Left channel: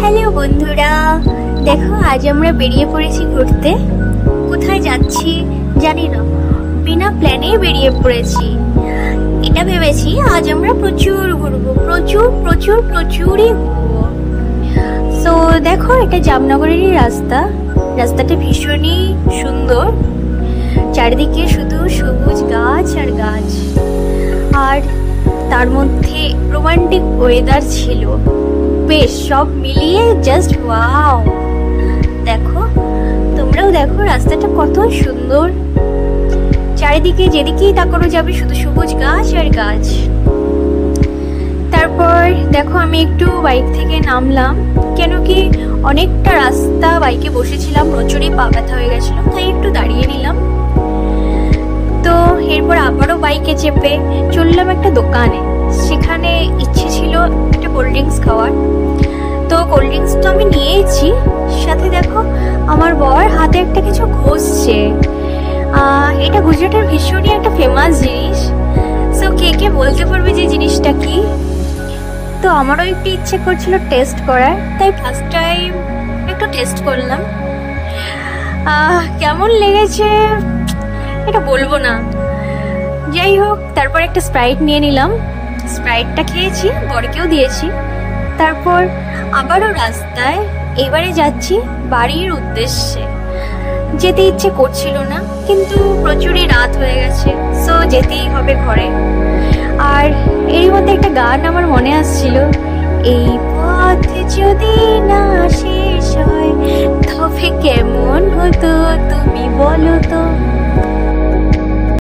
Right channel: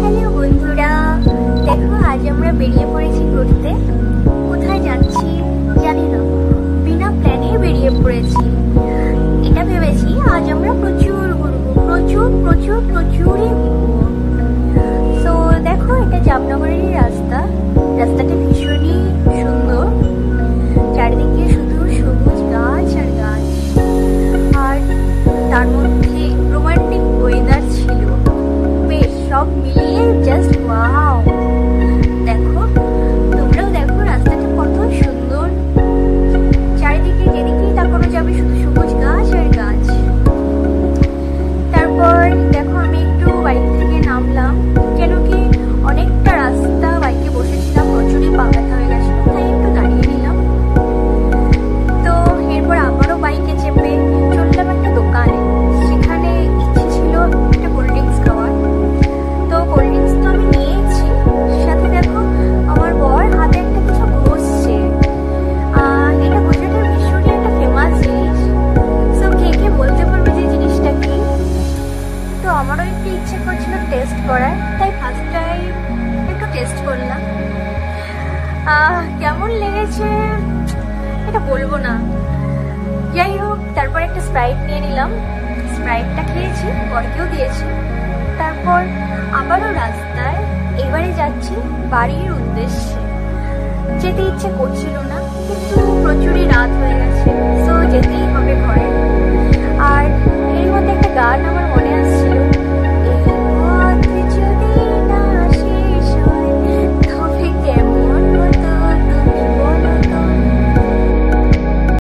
Hello বন্ধুরা, দেখো আজ আমরা বেরিয়ে পড়েছি ঘুরতে। কোথায় যাচ্ছি জানি না, বিনা প্ল্যানে বেরিয়ে পড়েছি। এটা ভেবেছি আজ আমরা প্রচুর ঘুরবো, প্রচুরই ঘুরবো। তো দেখো, এটা জামনগরেরই রাস্তাটা ভীষণই সুন্দর। চারিদিকে শুধু সবুজ গাছ আর গাছ, আর তার মধ্যে রোমান্টিক ওয়েদার ছিল। বেশ, সব মিলিয়ে জাস্ট ওয়াও। দেখো, তোমরাও দেখো রাস্তাটা কত সুন্দর। চারিদিকে যেদিকেই তাকানো যাবে শুধু সবুজ গাছ আর গাছ। তারপর দেখো, আমি একটু বাইক থেকে নামলাম, কেন কি অনেকটা রাস্তা বাইকে বসেছিলাম, প্রচুরই পা ব্যথা হয়ে গেছিল, তাই একটু দাঁড়িয়ে নিলাম। তো এরপর আবারও বাইকে চেপে চললাম একটা দোকানে। সেখানে ইচ্ছে ছিল একটা কোল্ড ড্রিঙ্কস খাওয়ার, তো কোল্ড ড্রিঙ্কস তো আমি নিয়েছি। সাথে দেখো, আমার বর হাতে একটা কিছু ঘষছে। এটা গুজরাটের ভীষণই একটা ফেমাস জিনিস। সো কে বলতে পারবে যে জিনিসটা কি? তো আমারও একটু ইচ্ছে করছিল টেস্ট করার, তাই ফার্স্ট টাইম একটু টেস্ট করলাম। কেমন লেগেছে এটা বলবো না। যাই হোক, তারপর একটা স্প্রাইট নিয়ে নিলাম। স্প্রাইটটা খেয়েছি, বরকেও দিয়েছি। তারপর আবারও রাস্তায়, এবারে যাচ্ছি বাড়ির উদ্দেশ্যে। যেতে ইচ্ছে করছিল না, কিন্তু প্রচুরই রাত হয়ে গেছে, সো যেতেই হবে।